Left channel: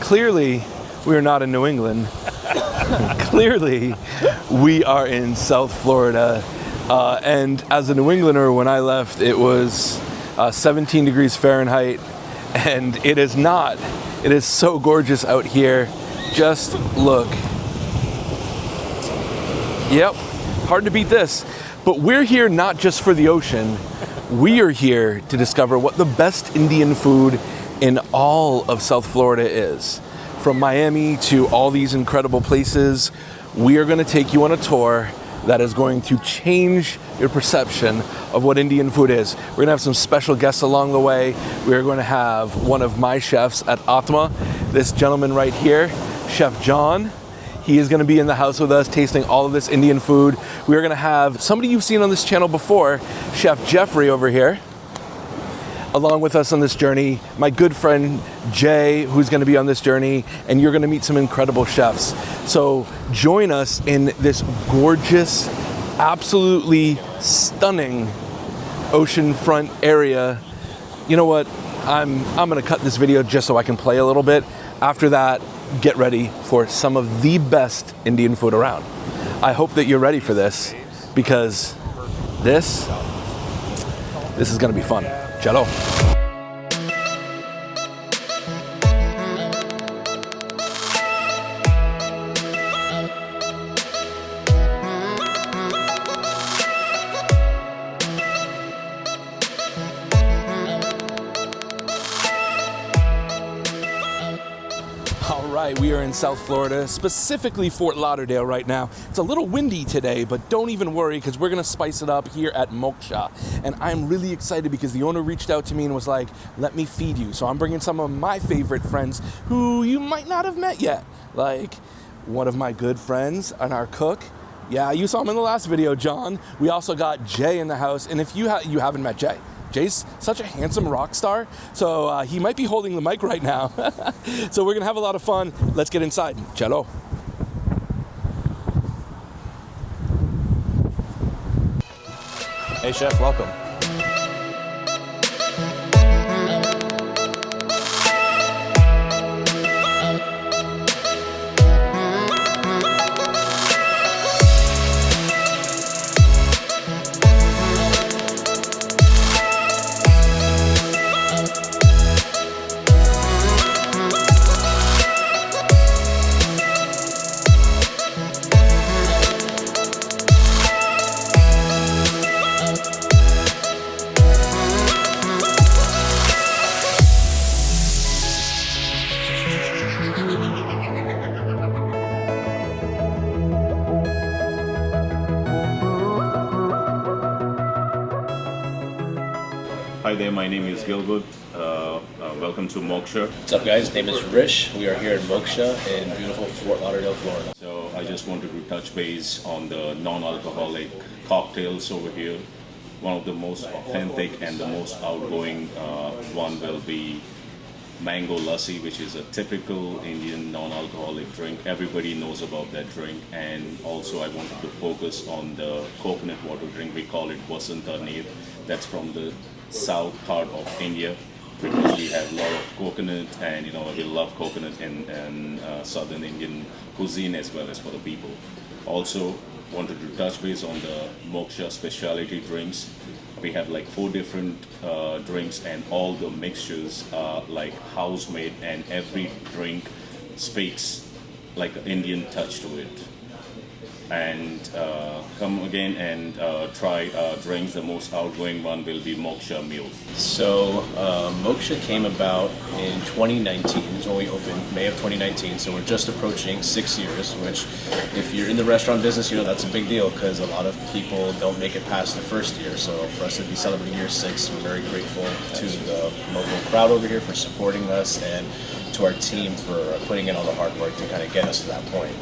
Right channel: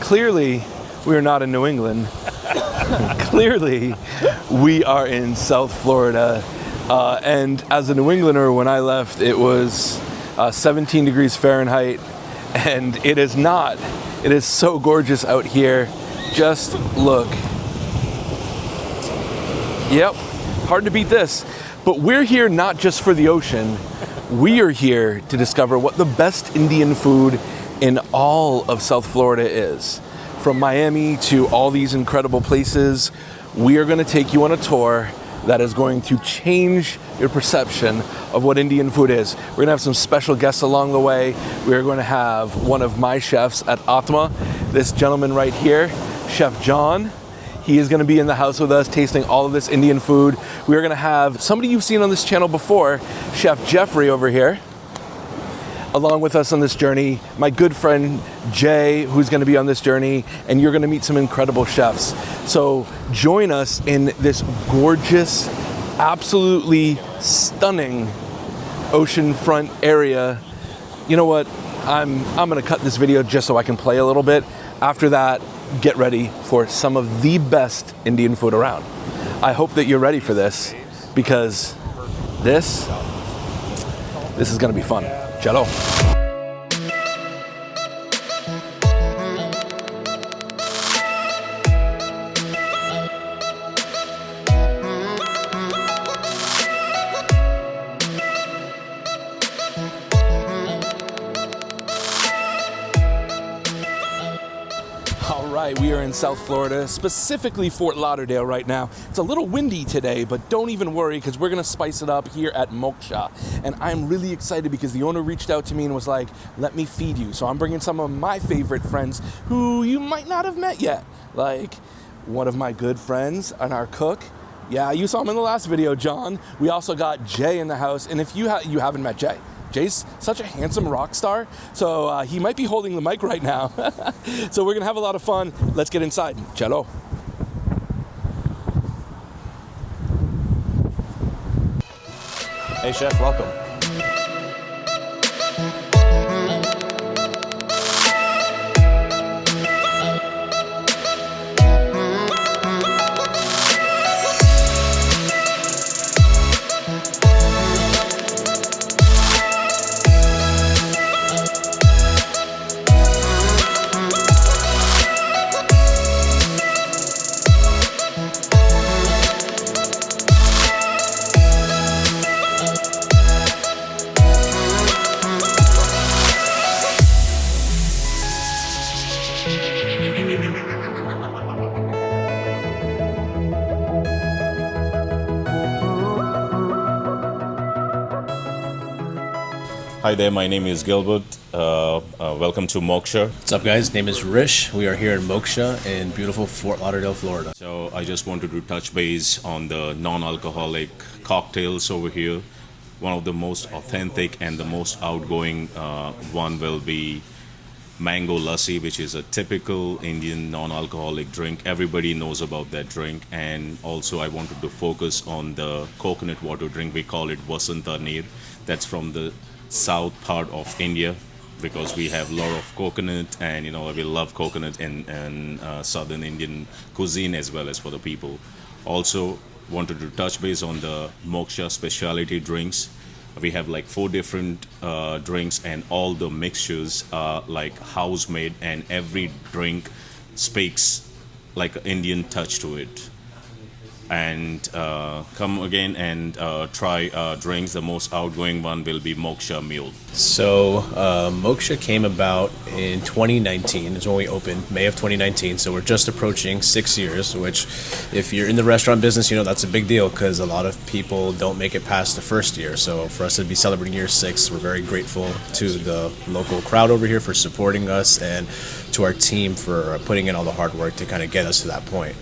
Clearly, we are not in New England. Clearly, we are in South Florida. And as a New Englander, when I left, it was 17 degrees Fahrenheit. And it is not. It is so gorgeous out here. Just look. Yep, hard to beat this. But we're here not just for the ocean. We are here to discover what the best Indian food in all of South Florida is. From Miami to all these incredible places, we are going to take you on a tour that is going to change your perception of what Indian food is. We're going to have some special guests along the way. We are going to have one of my chefs at Atma, this gentleman right here, Chef John. He is going to be in the house with us tasting all of this Indian food. We are going to have somebody you've seen on this channel before, Chef Jeffrey over here, along with us on this journey. My good friend Jay, who's going to be on this journey, and you're going to meet some incredible chefs. So join us in this gorgeous, absolutely stunning oceanfront area. You know what? I'm going to cut this video just so I can play a little bit. After that, get ready for some of the best Indian food around. I hope that you're ready for this, because this is going to be fun. Chalo. All right, we are in South Florida, specifically Fort Lauderdale right now. It's a little windy today, but don't even worry, because we're gonna spice it up here at Moksha. And I'm really excited because the owner reached out to me and was like, let me feed you. So I'm bringing some of my favorite friends who you might not have met yet. Like one of my good friends and our cook. Yeah, you saw him in the last video, John. We also got Jay in the house. And if you haven't met Jay, Jay's such a handsome rock star, so he might be holding the mic right now. So we're gonna have a lot of fun. Let's get inside. Chalo. Hey chef, welcome. Hi there, my name is Gilbert. Welcome to Moksha. What's up guys, name is Rish. We are here in Moksha in beautiful Fort Lauderdale, Florida. So I just wanted to touch base on the non-alcoholic cocktails over here. One of the most authentic and the most outgoing one will be mango lassi, which is a typical Indian non-alcoholic drink. Everybody knows about that drink. And also I wanted to focus on the coconut water drink. We call it Vasanta Neer. That's from the south part of India, because we have a lot of coconut, and we love coconut in southern Indian cuisine as well as for the people. Also wanted to touch base on the Moksha specialty drinks. We have like 4 different drinks, and all the mixtures are like house made, and every drink speaks like an Indian touch to it. And come again and try drinks. The most outgoing one will be Moksha Mule. So Moksha came about in 2019. It's when we opened, May of 2019. So we're just approaching 6 years, which if you're in the restaurant business, that's a big deal, because a lot of people don't make it past the first year. So for us to be celebrating year 6, we're very grateful to the local crowd over here for supporting us, and to our team for putting in all the hard work to kind of get us to that point.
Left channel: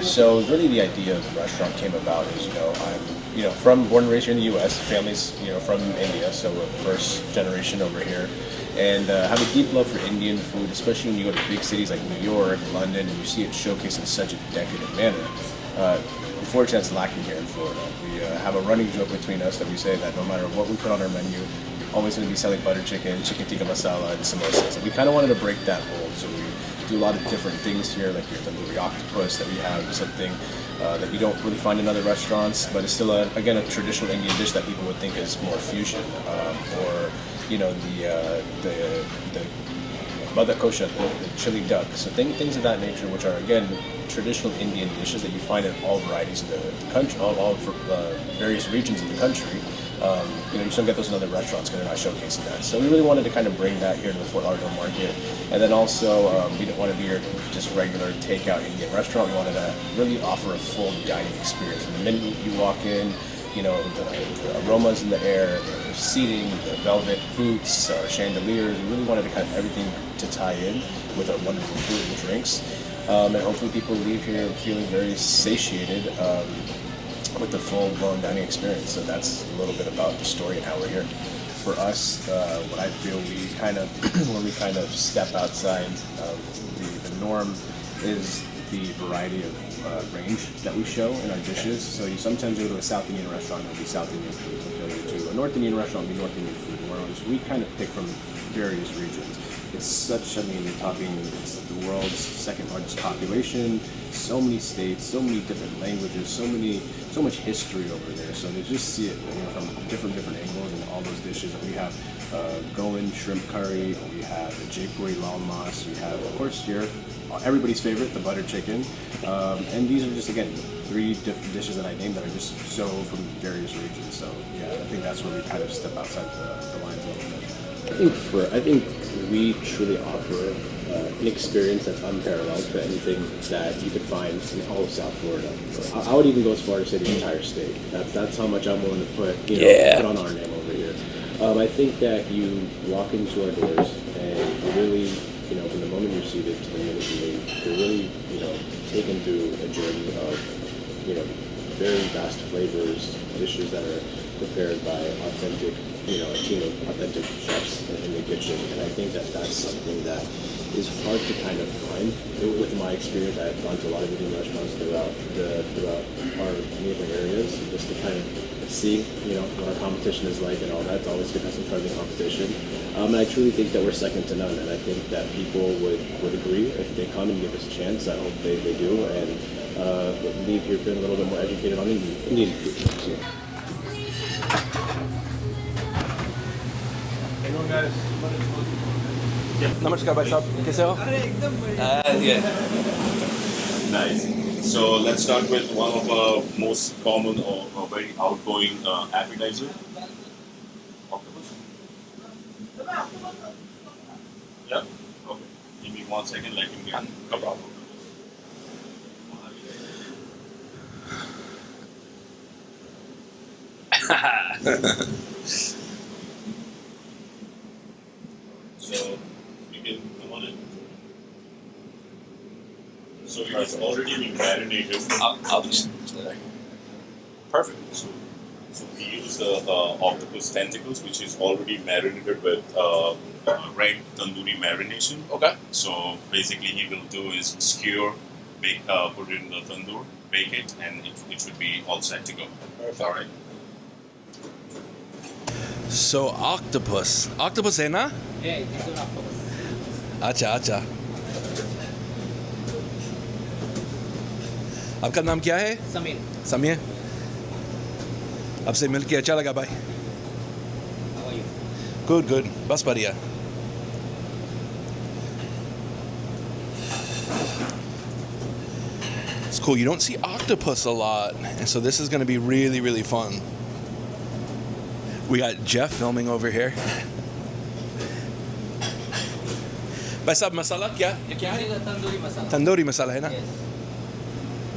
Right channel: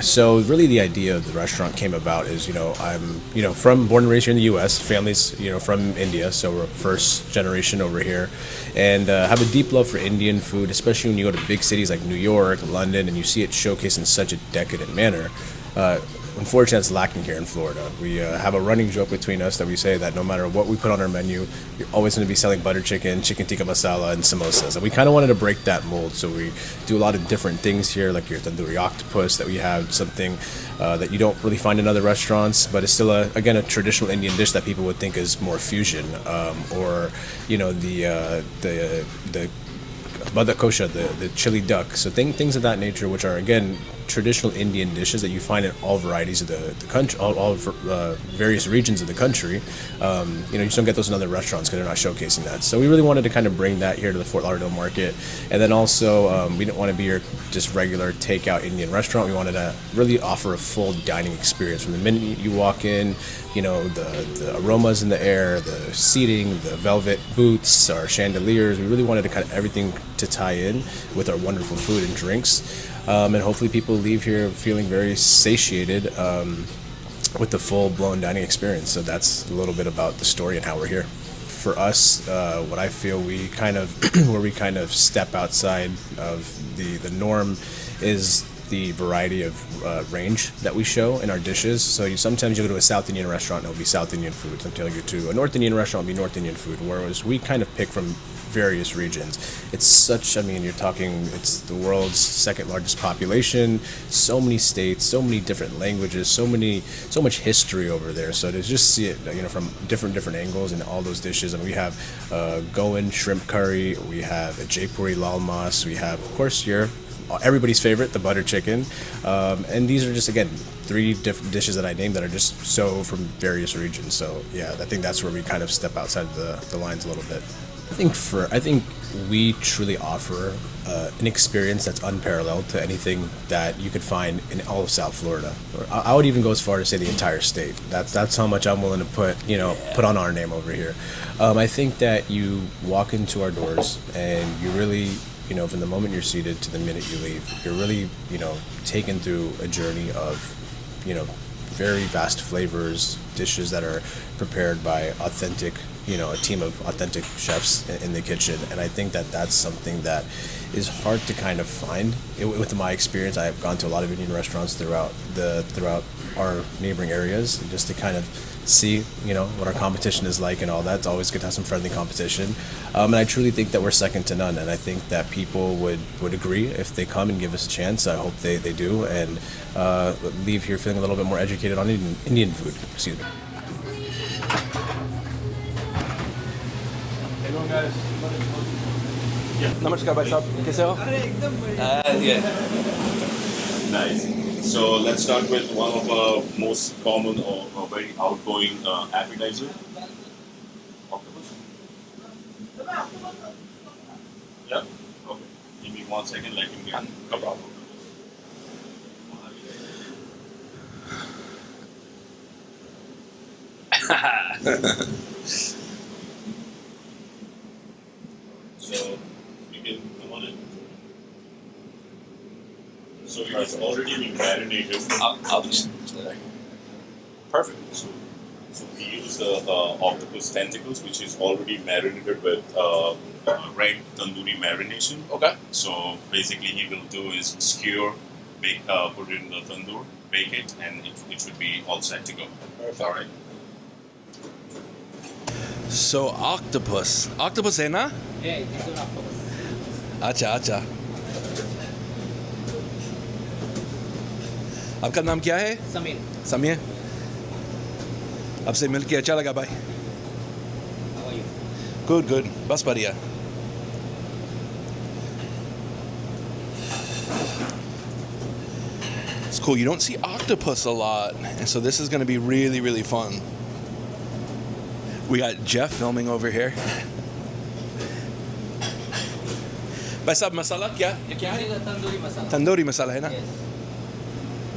So really the idea of the restaurant came about is, I'm born and raised here in the U.S., families, from India, so we're first generation over here, and have a deep love for Indian food, especially when you go to big cities like New York, London, and you see it showcased in such a decadent manner. Unfortunately, that's lacking here in Florida. We have a running joke between us that we say that no matter what we put on our menu, you're always going to be selling butter chicken, chicken tikka masala, and samosas. And we kind of wanted to break that mold, so we do a lot of different things here, like your tandoori octopus that we have, something that you don't really find in other restaurants, but it's still, again, a traditional Indian dish that people would think is more fusion, or the Bada kosha, the chili duck. So things of that nature, which are, again, traditional Indian dishes that you find in all varieties of the country, all various regions of the country. You just don't get those in other restaurants because they're not showcasing that. So we really wanted to kind of bring that here to the Fort Lauderdale market. And then also, we didn't want to be your just regular takeout Indian restaurant. We wanted to really offer a full dining experience. From the minute you walk in, the aromas in the air, the seating, the velvet booths, our chandeliers. We really wanted to kind of everything to tie in with our wonderful food and drinks. And hopefully people leave here feeling very satiated with the full-blown dining experience. So that's a little bit about the story and how we're here. For us, what I feel we kind of, where we kind of step outside of the norm is the variety of range that we show in our dishes. So sometimes you go to a South Indian restaurant and it'll be South Indian food. Sometimes you go to a North Indian restaurant, it'll be North Indian food. Whereas we kind of pick from various regions. It's it's the world's second largest population, so many states, so many different languages, so much history over there. So to just see it, from different angles in all those dishes. And we have Goan shrimp curry, we have a Jaipuri lal mas, we have, of course, everybody's favorite, the butter chicken. And these are just, again, 3 different dishes that I named that are just so from various regions. So yeah, I think that's where we kind of step outside the lines a little bit. I think we truly offer an experience that's unparalleled to anything that you could find in all of South Florida. I would even go as far to say the entire state. That's how much I'm willing to put on our name over here. I think that you walk into our doors and you really, from the moment you're seated to the minute you leave, you're really, taken through a journey of, very vast flavors, dishes that are prepared by authentic, a team of authentic chefs in the kitchen. And I think that that's something that is hard to kind of find. With my experience, I've gone to a lot of Indian restaurants throughout our neighboring areas, just to kind of see, what our competition is like and all that. It's always good to have some friendly competition. And I truly think that we're second to none. And I think that people would agree if they come and give us a chance. I hope they do, and leave here feeling a little bit more educated on Indian food. See you. नमस्कार भाई साहब, कैसे हो? Nice. So let's start with one of our most common or very outgoing appetizer. Octopus. Yeah. Okay. Give me 1 second. Let him get a problem. So you can come on in. So it's already been marinated. I'll just perfect. So we use the octopus tentacles, which is already marinated with red tandoori marination. Okay. So basically, he will do is skewer, bake, put it in the tandoor, bake it, and it should be all set to go. Perfect. All right. So octopus है ना? Yeah, it's an octopus. अच्छा. आपका नाम क्या है? समीर. आपसे मिलके अच्छा लगा भाई. How are you? Good. बस बढ़िया. It's cool. You don't see octopus a lot, and so this is going to be really, really fun. We got Jeff filming over here. भाई साहब मसाला क्या है? Tandoori masala. तंदूरी मसाला है ना? Yes.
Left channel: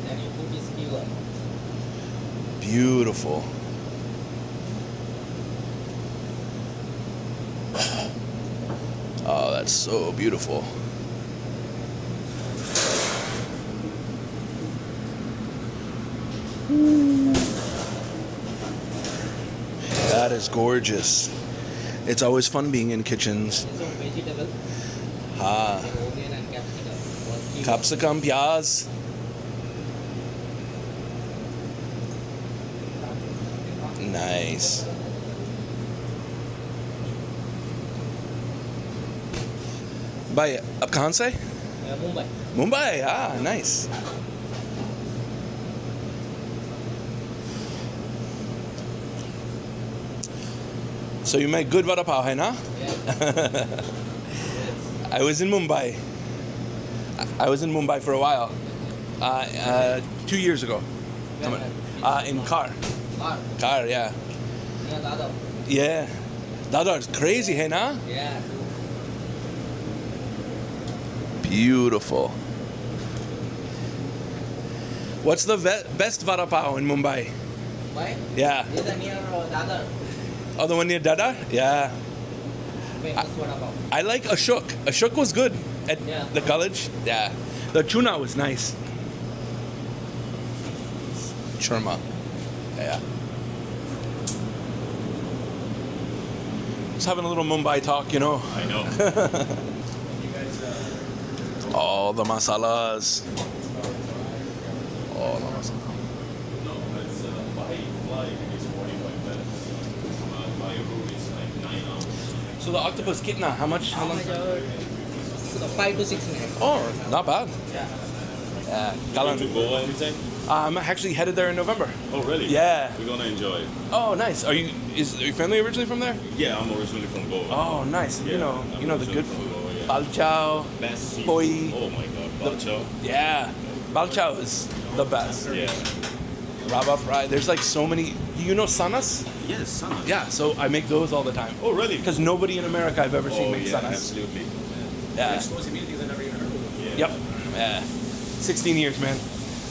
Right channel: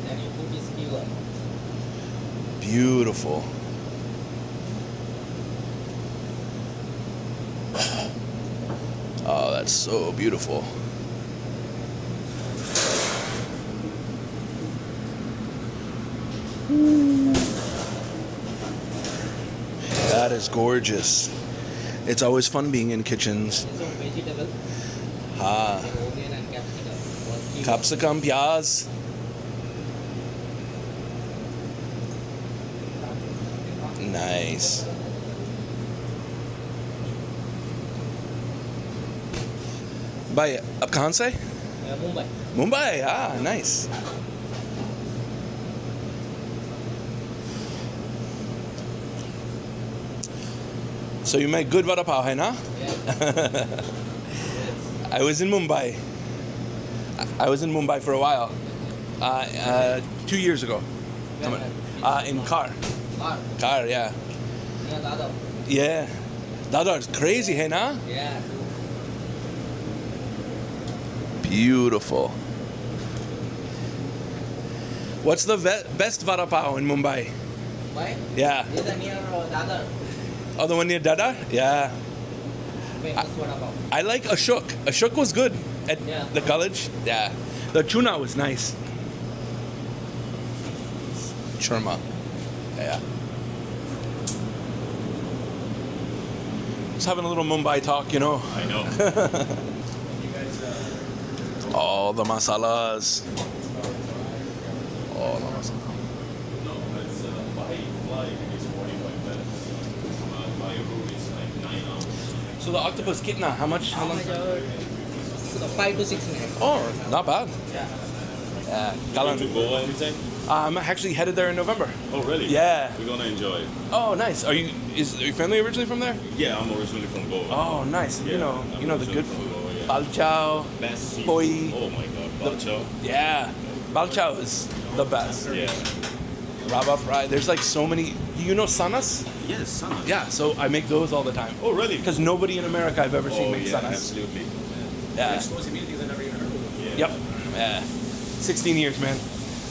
Then you put this skewer. Beautiful. Oh, that's so beautiful. That is gorgeous. It's always fun being in kitchens. So vegetable, Ah, onion and capsicum. capsicum, pyaz. Nice. भाई आप कहाँ से? Mumbai. Mumbai. Ah, nice. So you make good vada pav, hai na? Yeah. I was in Mumbai. I was in Mumbai for a while. 2 years ago. In car. Car, yeah. Near Dadar. Yeah. Dadar's crazy, hey na? Yeah. Beautiful. What's the best vada pav in Mumbai? Why? Yeah. Is it near Dadar? Oh, the one near Dadar? Yeah. Famous vada pav. I like Ashok. Ashok was good at Yeah. the college. Yeah. The tuna was nice. Churma. Yeah. Just having a little Mumbai talk, you know. I know. All the masalas. All the masalas. No, it's by flight it's 45 minutes. By road it's like 9 hours. So the octopus kitna, how much? How long? 5 to 6 minutes. Oh, not bad. Yeah. Yeah. Going to Galan. Goa anything? I'm actually headed there in November. Oh, really? Yeah. We're gonna enjoy it. Oh, nice. Are your family originally from there? Yeah, I'm originally from Goa. Oh, nice. Yeah, You know the originally good from food. Goa, yeah. Balchao. Best seafood. Poi. Oh my god, balchao. Yeah. Balchao is the best. Yeah. Rava fry. There's like so many. You know sanas? Yes, son. Yeah. So I make those all the time. Oh, really? Because nobody in America I've ever seen Oh, make yeah, sanas. absolutely. Yeah. Yeah. Yep. Yeah. 16 years, man.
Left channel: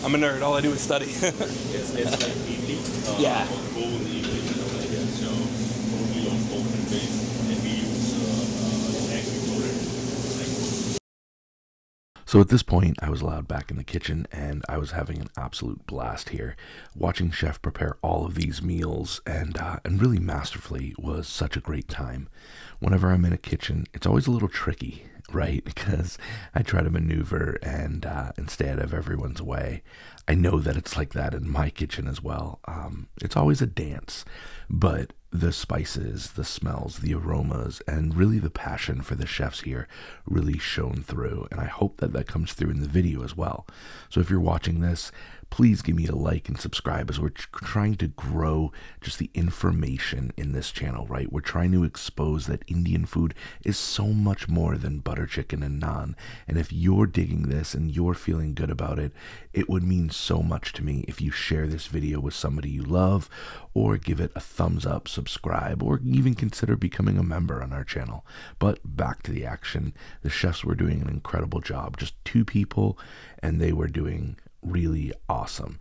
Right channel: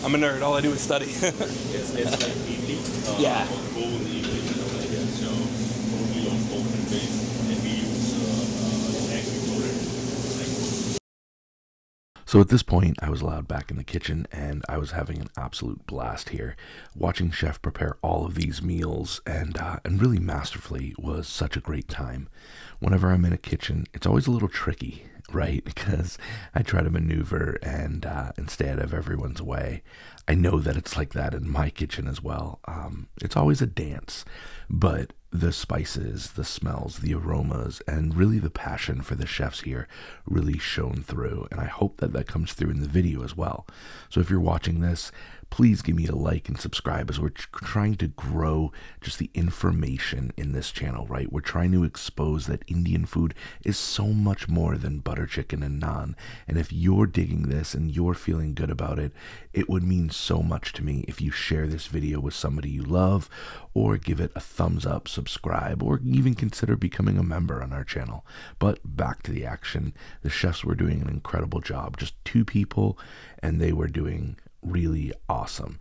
I'm a nerd. All I do is study. It's like idli. Yeah. Bone idli. So totally on open base, and we use egg for it. So at this point, I was allowed back in the kitchen, and I was having an absolute blast here. Watching Chef prepare all of these meals and really masterfully was such a great time. Whenever I'm in a kitchen, it's always a little tricky, right? Because I try to maneuver and stay out of everyone's way. I know that it's like that in my kitchen as well. It's always a dance, but the spices, the smells, the aromas, and really the passion for the chefs here really shone through. And I hope that that comes through in the video as well. So if you're watching this, please give me a like and subscribe, as we're trying to grow just the information in this channel, right? We're trying to expose that Indian food is so much more than butter chicken and naan. And if you're digging this and you're feeling good about it, it would mean so much to me if you share this video with somebody you love, or give it a thumbs up, subscribe, or even consider becoming a member on our channel. But back to the action. The chefs were doing an incredible job. Just 2 people, and they were doing really awesome.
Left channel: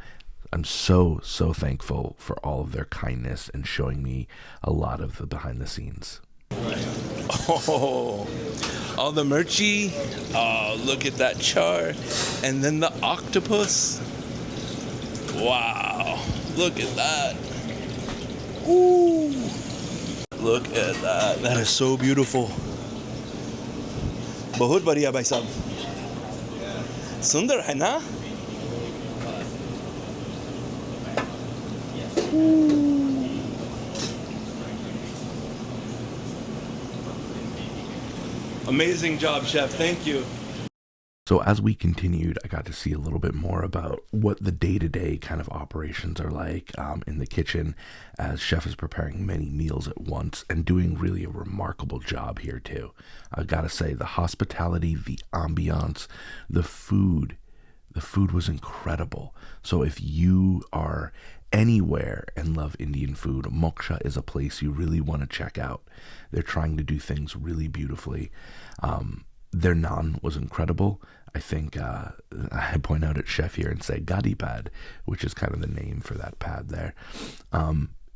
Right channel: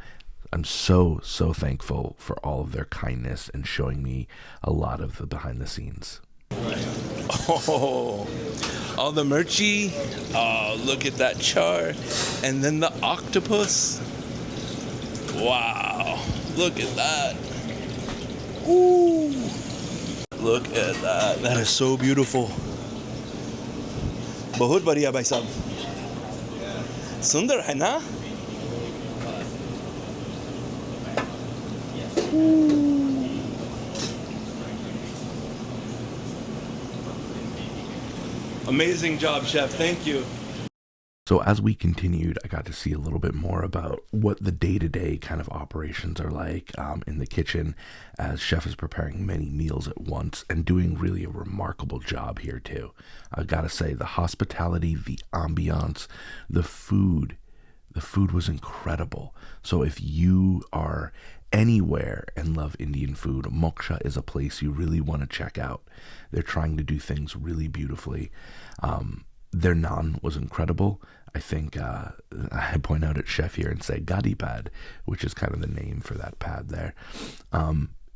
I'm so thankful for all of their kindness and showing me a lot of the behind the scenes. Oh, all the merchy. Oh, look at that char. And then the octopus. Wow, look at that. Ooh, look at that. That is so beautiful. बहुत बढ़िया भाई साहब. सुंदर है ना? Amazing job, chef. Thank you. So as we continued, I got to see a little bit more about what the day-to-day kind of operations are like in the kitchen, as chef is preparing many meals at once and doing really a remarkable job here too. I gotta say, the hospitality, the ambiance, the food was incredible. So if you are anywhere and love Indian food, Moksha is a place you really want to check out. They're trying to do things really beautifully. Their naan was incredible. I think I point out at chef here and say gadi pad, which is kind of the name for that pad there.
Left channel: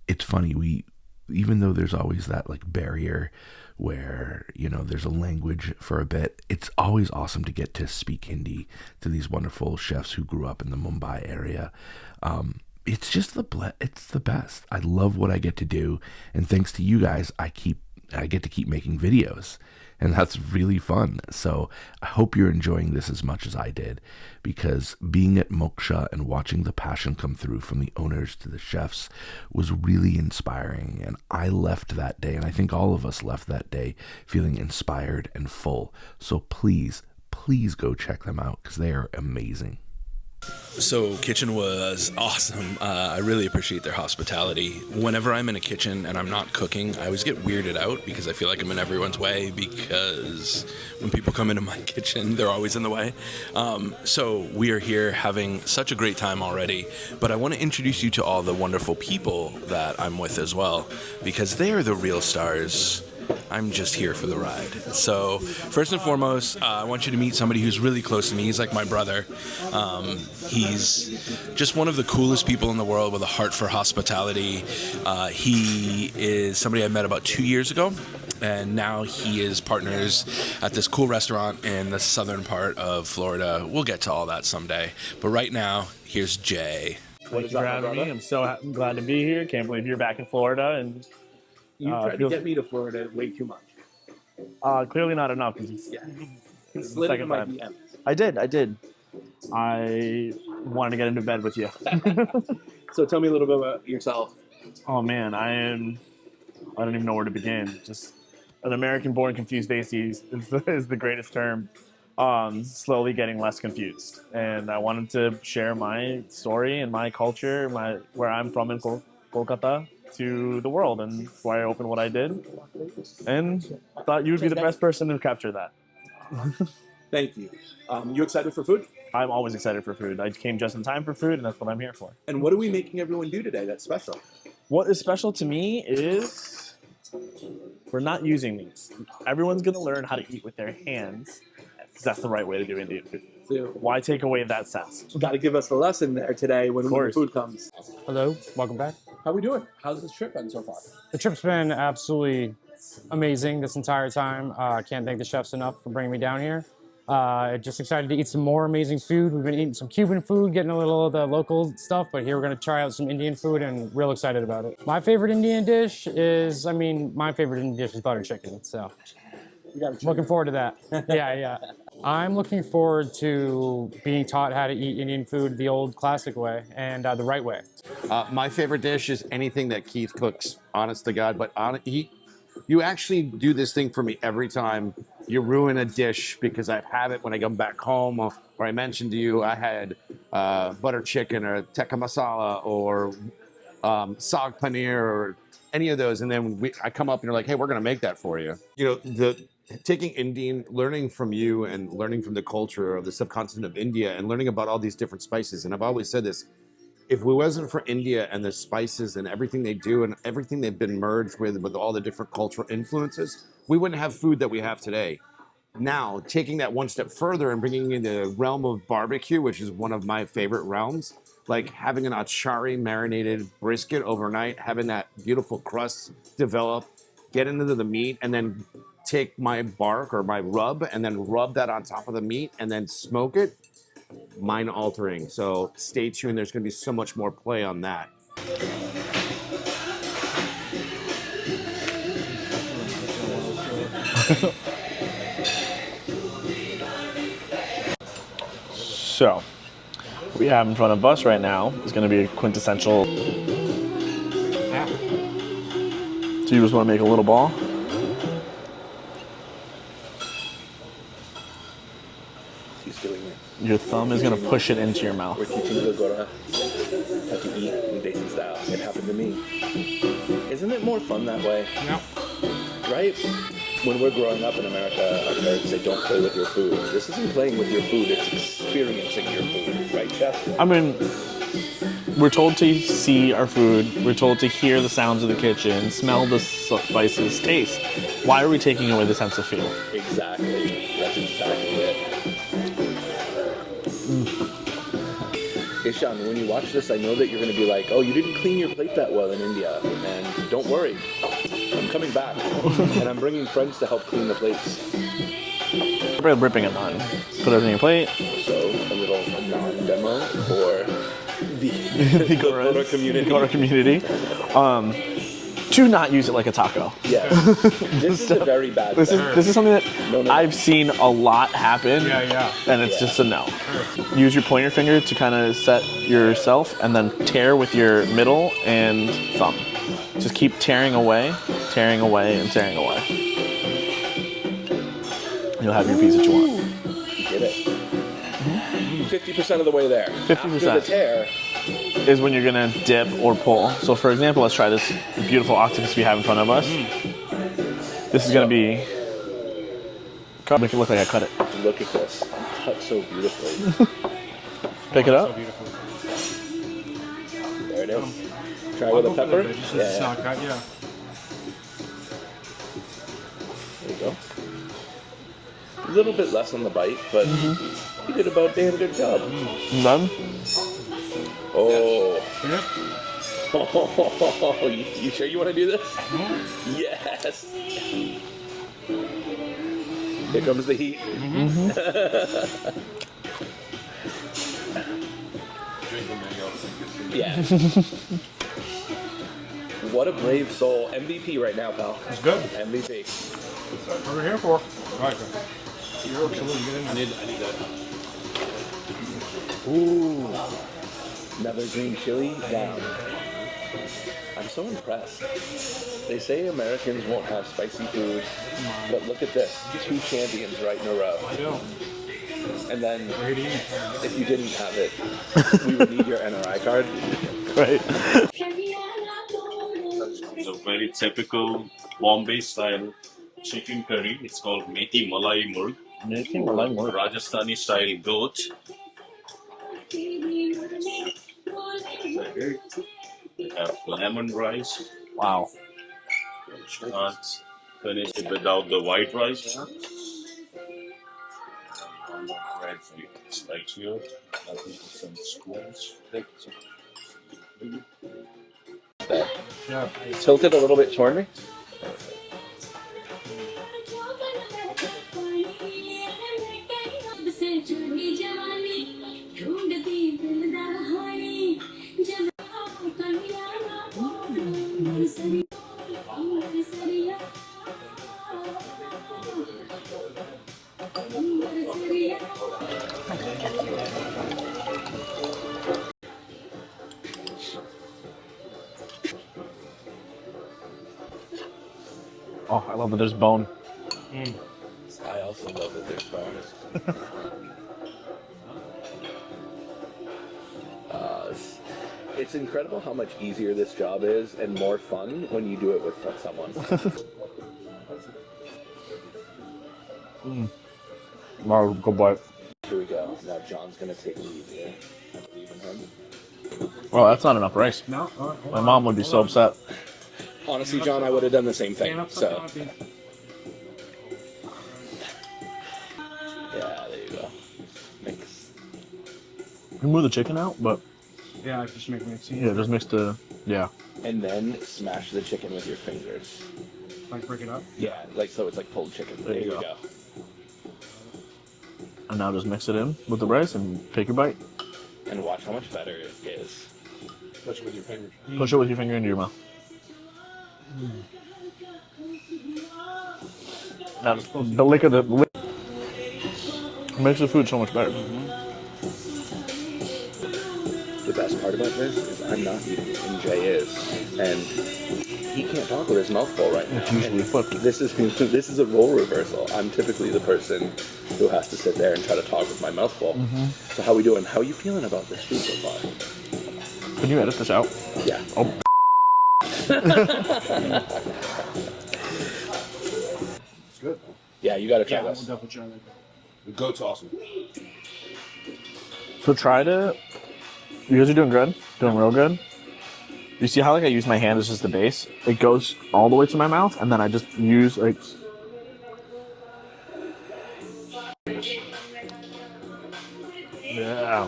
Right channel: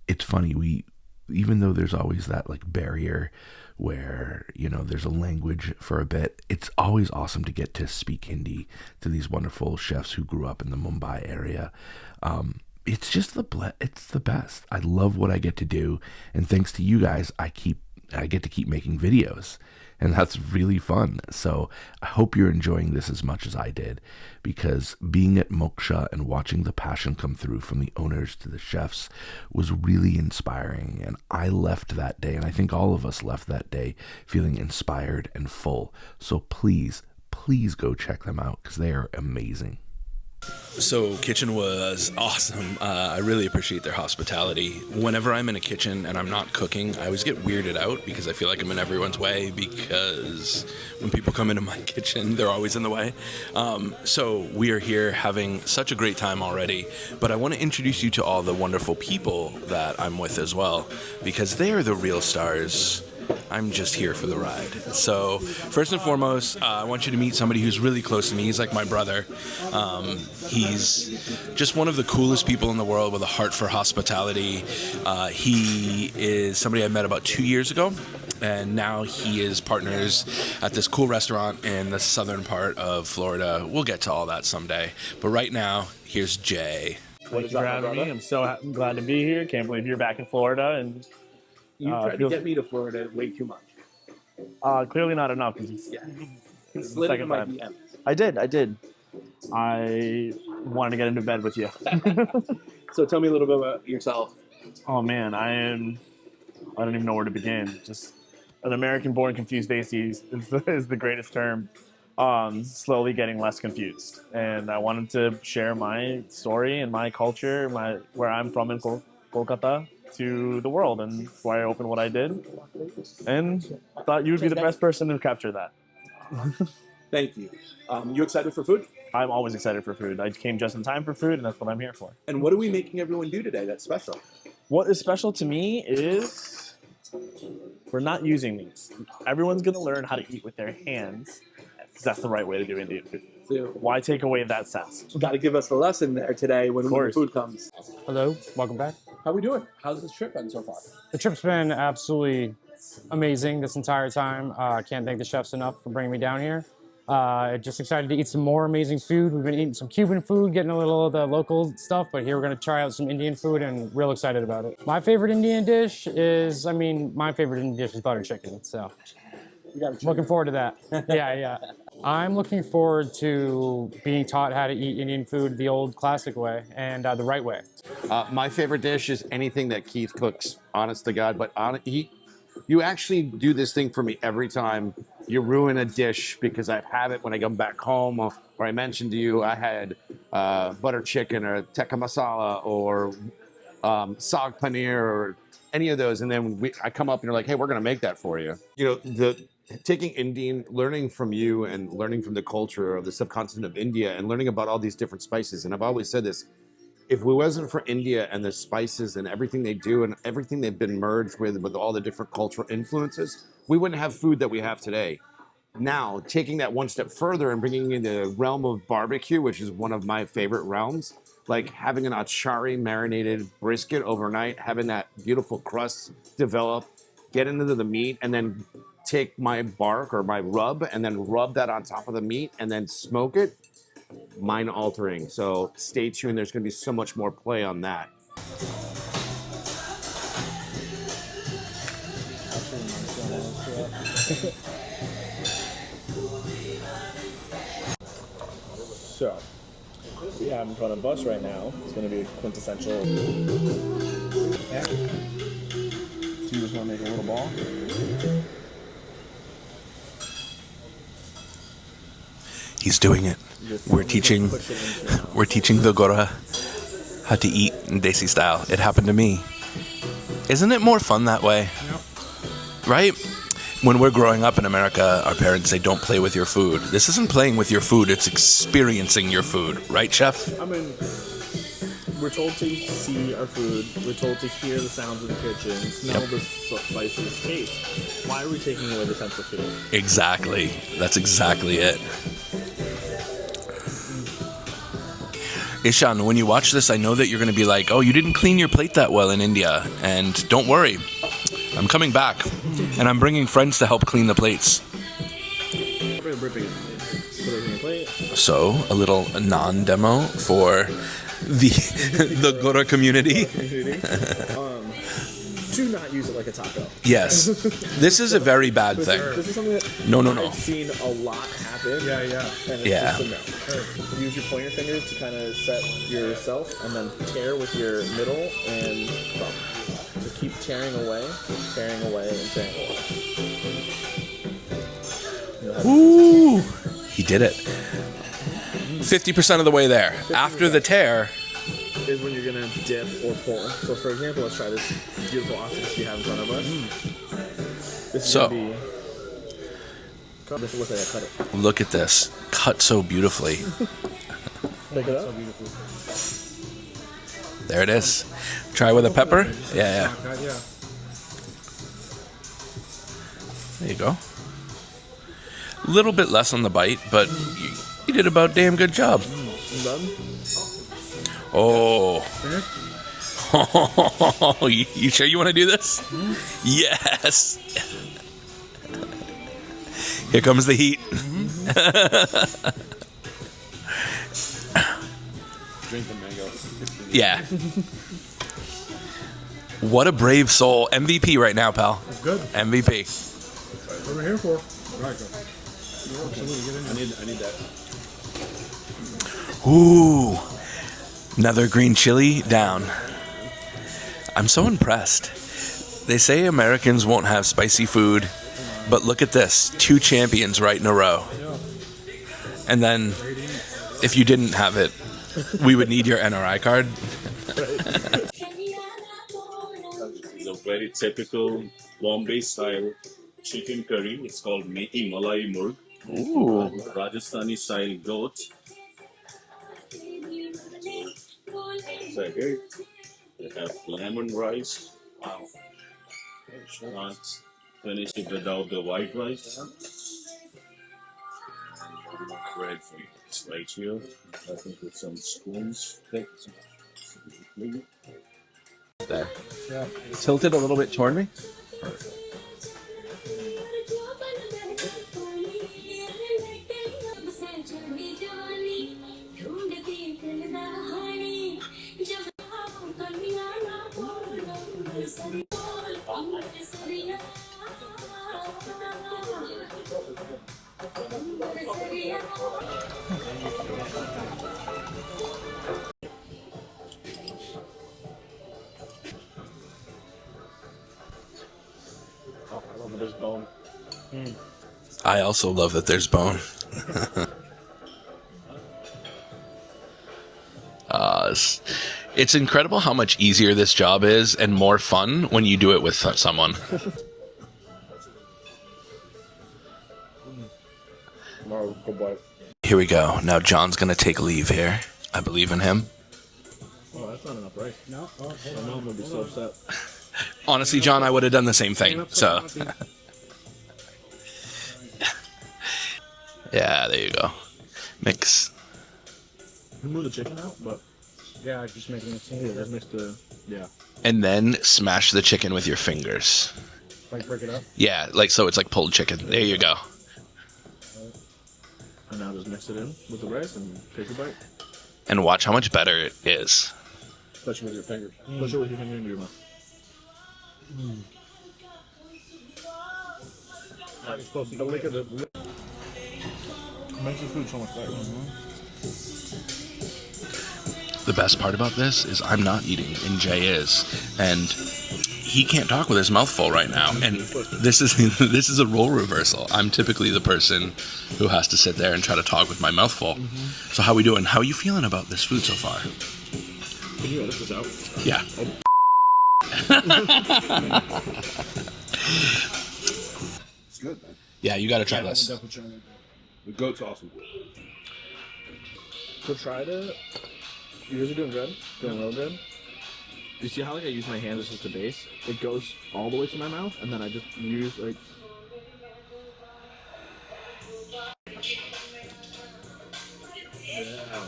It's funny, even though there's always that like barrier where, you know, there's a language for a bit, it's always awesome to get to speak Hindi to these wonderful chefs who grew up in the Mumbai area. It's just it's the best. I love what I get to do, and thanks to you guys, I get to keep making videos. And that's really fun. So I hope you're enjoying this as much as I did, because being at Moksha and watching the passion come through from the owners to the chefs was really inspiring. And I left that day, and I think all of us left that day feeling inspired and full. So please go check them out, because they are amazing. So kitchen was awesome. I really appreciate their hospitality. Whenever I'm in a kitchen and I'm not cooking, I always get weirded out because I feel like I'm in everyone's way, because when people come into my kitchen, they're always in the way. So we are here having such a great time already, but I want to introduce you to all the wonderful people that I'm with as well, because they are the real stars. I'm just here for the ride. So first and foremost, I want you to meet somebody who's really close to me. He's like my brother. He's just one of the coolest people in the world with a heart for hospitality. He is somebody I met about 2 years ago, and now he is partners at this cool restaurant in the southern part of Florida. We'll get to all that someday. But right now, here's Jay. Thank you for having me. I'm so glad to be here. Can't believe you're back in Florida. And You tried to get me to Florida way too much. clearly not enough. It's the Slid into second my time. DMs. I did. I wanted to get into bed with you. So tell me a little bit about yourself. Oh man, I don't even know where to begin. Just an American-born confused atheist is the greatest term. Slowly getting less confused, and I wanted to share my story and my culture, where I'm from in Kolkata, to the world, and that's why I opened what I did, and thought you would be the best person to capture that. Thank you. You excited for food? I'm always excited for food. I came just in time for food, and that's what I'm here for. And what are we making everyone do today that's special? What is special to me is we're not using these. Everyone's going to learn how to eat with their hands, because that's the right way to do Indian food. So Why take away that sass? you got to give us the lesson there today when the course. food comes. Hello, welcome back. How we doing? How's this trip been so far? The trip's been absolutely amazing this entire time. I can't thank the chefs enough for bringing me down here. Just excited to eat some more amazing food. We've been eating some Cuban food, getting a little of the local stuff, but here we're going to try out some Indian food, and real excited about it. My favorite Indian dish is butter chicken, so looking forward to that. Yeah. I'm looking forward to being taught how to eat Indian food the old classic way and the right way. My favorite dish is anything that Keith cooks, honest to God. But you actually do this thing for me every time. You ruin a dish because I have it when I come back home. Or I mentioned to you I had butter chicken or tikka masala or saag paneer or any of those. And then I come up and you're like, hey, we're going to make that for you. You know, taking Indian, learning from you and learning from the culture of the subcontinent of India and learning about all these different spices. And I've always said this, if it wasn't for India and the spices and everything they do and everything they've been merged with all the different cultural influences, we wouldn't have food that we have today. Now, taking that one step further and bringing in the realm of barbecue, which is one of my favorite realms, like having an achari marinated brisket overnight, having that beautiful crust develop, get into the meat, and then take my bark or my rub and then rub that on top of the meat and then smoke it, mind altering. So stay tuned. There's going to be so much more play on that. So, what we have in front of us right now is going to be a quintessential. So you just want to make a little ball? He's doing it. Your thumb is gonna push it into your mouth. We're teaching the Gora how to eat in Desi style. It happened to me. Isn't it more fun that way? No. Right? When we're growing up in America, our parents say, don't play with your food. This isn't playing with your food, it's experiencing your food. Right, chef? I mean, we're told to see our food. We're told to hear the sounds of the kitchen, smell the spices, taste. Why are we taking away the sense of feel? Exactly. That's exactly it. Ishan, when you watch this, I know that you're going to be like, oh, you didn't clean your plate that well in India. And don't worry, I'm coming back. And I'm bringing friends to help clean the plates. We're ripping a naan. Put everything in your plate. So, a little naan demo for the Gora community. Gora community. do not use it like a taco. Yes. This is a very bad thing. This is something that No. I've seen a lot happen. And it's just a no. Use your pointer finger to kind of set yourself, and then tear with your middle and thumb. Just keep tearing away, and tearing away. You'll have your piece that you want. He did it. 50% of the way there. 50%. After the tear. Is when you're gonna dip or pull. So for example, let's try this beautiful octopus we have in front of us. This is gonna be, make it look like I cut it. Look at this. Cut so beautifully. Pick it up. There it is. Try with a pepper. Yeah. There you go. A little bit less on the bite, but you did about damn good job. Done? Oh. You sure you want to do this? Yes. Here comes the heat. Drink the mango. Yeah. What a brave soul. MVP right now, pal. That's good. MVP. What am I here for? Right. I need that. Ooh. Another green chili down. I'm so impressed. They say Americans won't have spicy food, but look at this. 2 champions right in a row. And then, if you didn't have it, we would need your NRI card. Right. It's a very typical Bombay style chicken curry. It's called Methi Malai Murg. Rajasthani style goat. They have lemon rice. Wow. You can't finish it without the white rice. Red meat. It's right here. I think with some spoons. Yeah. Tilted a little bit toward me. Oh, I love that there's bone. I also love that there's bone. It's incredible how much easier this job is and more fun when you do it with someone. Wow, good boy. Here we go. Now John's gonna take leave here. I believe in him. Well, that's not enough rice. No. My mom would be so upset. Honestly, John, I would have done the same thing. So, yeah, there you go. Mix. You move the chicken out, but Yeah, just make it seem yeah, just mix the And then smash the chicken with your fingers. like break it up. Yeah, like so it's like pulled chicken. There you go. And now just mix it in with the rice and take your bite. And watch how much better it is. Push it with your fingers. Push it with your finger into your mouth. Now, the lick of the makes the food so much better. The best part about this is I'm not eating, and Jay is, and he can't talk with his mouth full right now. And this is a role reversal. I'm typically the person who has to sit there and try to talk with my mouth full. So how we doing? How are you feeling about this food so far? Can you edit this out? Yeah. Oh. It's good. Yeah, you got to try this. The goat's awesome. So try to. You guys are doing good. Doing real good. You see how like I use my hand as just the base? It goes all the way to my mouth, and then I just use like. Yeah.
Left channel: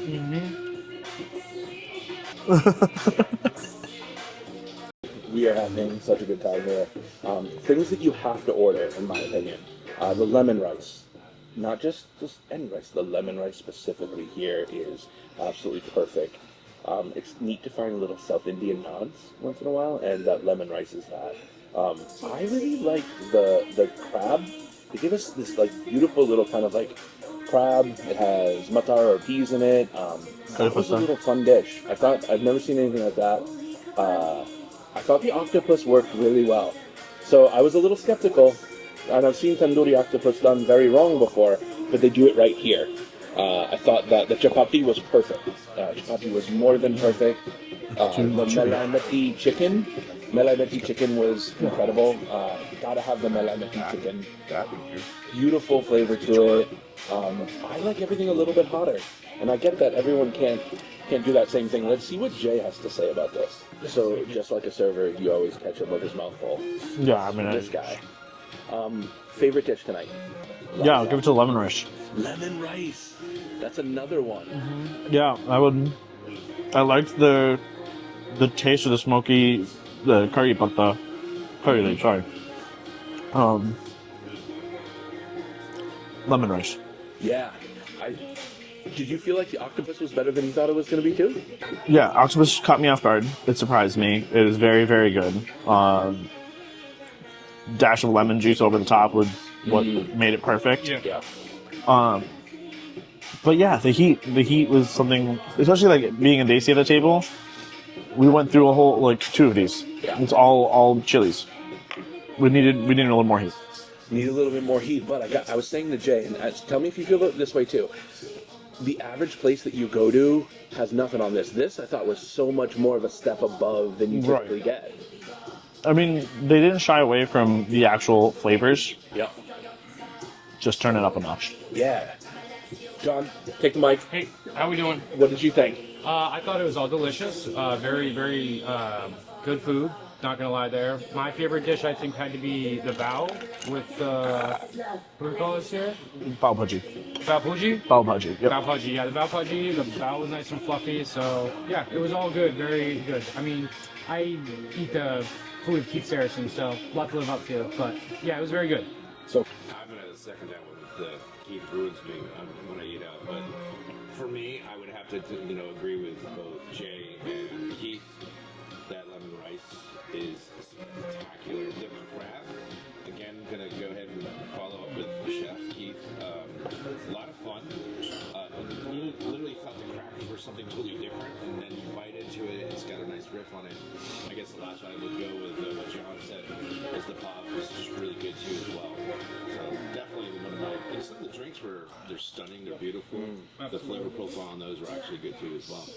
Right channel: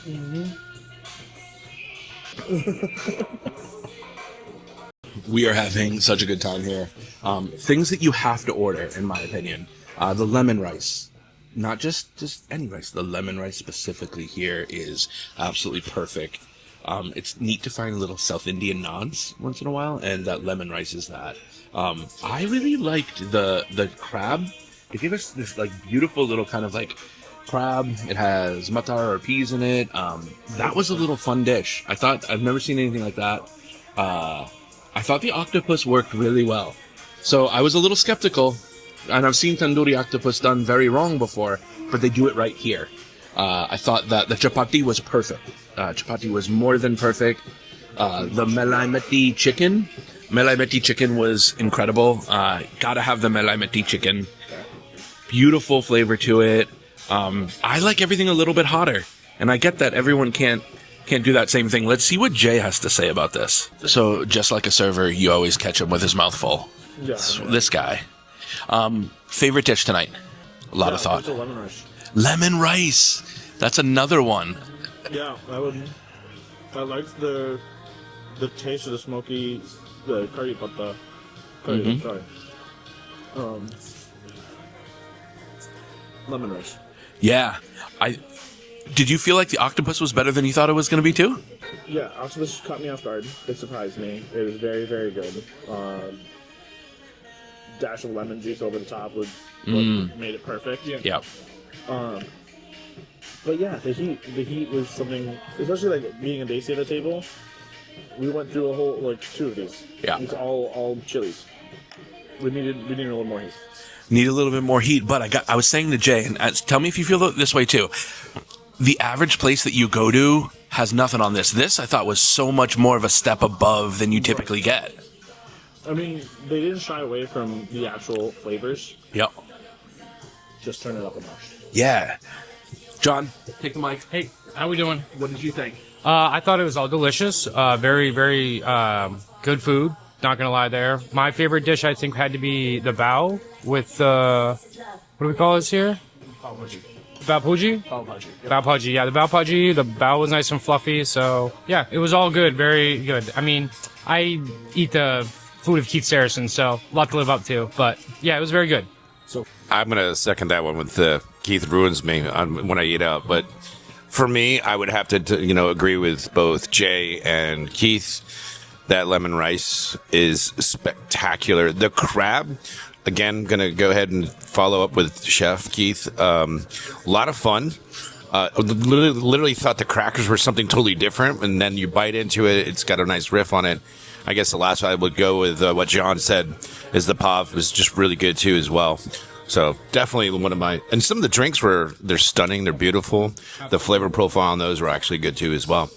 We are having such a good time here. Things that you have to order, in my opinion. The lemon rice. Not just any rice. The lemon rice specifically here is absolutely perfect. It's neat to find little South Indian naans once in a while, and that lemon rice is that. I really liked the crab. They gave us this like beautiful little kind of like crab. It has matar or peas in it. That was a little fun dish. I thought I've never seen anything like that. I thought the octopus worked really well. So I was a little skeptical, and I've seen tandoori octopus done very wrong before, but they do it right here. I thought that the chapati was perfect. Chapati was more than perfect. The melai meti chicken was incredible. Gotta have the melai meti chicken. Beautiful flavor to it. I like everything a little bit hotter, and I get that everyone can't do that same thing. Let's see what Jay has to say about this. So, just like a server, you always catch him with his mouth full. Yeah, I mean, this guy. Favorite dish tonight? A lot of give thought. it to lemon rice. Lemon rice. That's another one. Yeah, I liked the taste of the smoky, the curry, but the curry. Mm-hmm. Sorry. Lemon rice. Yeah. Did you feel like the octopus was better than you thought it was going to be too? Yeah, octopus caught me off guard. It surprised me. It was very, very good. Dash of lemon juice over the top was what made it perfect. Yeah. But yeah, the heat was something, especially like being a Daisy at the table. We went through a whole like 2 of these. Yeah. It's all chilies. We needed a little more heat. Need a little bit more heat, but I was saying to Jay, and tell me if you feel this way too. The average place that you go to has nothing on this. This I thought was so much more of a step above than you typically get. I mean, they didn't shy away from the actual flavors. Yep. Just turn it up a notch. Yeah. John? Take the mic. Hey, how we doing? What did you think? I thought it was all delicious. Very, very good food. Not gonna lie there. My favorite dish, I think, had to be the bao with what do we call this here? Bao bhaji. Bao bhaji? Bao bhaji. Yep. Bao bhaji. Yeah, the bao bhaji. The bao was nice and fluffy. So yeah, it was all good. Very good. I mean, I eat the food of Keith Saracen, so a lot to live up to. But yeah, it was very good. I'm going to second that one with Keith ruins me when I eat out. But for me, I would have to agree with both Jay and Keith. That lemon rice is spectacular. The crab, again, going to go ahead and follow up with Chef Keith. A lot of fun. Literally thought the crackers were something totally different, and then you bite into it, it's got a nice riff on it. I guess the last one I would go with what John said is the pav was just really good too as well. So definitely one of my, and some of the drinks they're stunning, they're beautiful. The flavor profile on those were actually good too as well.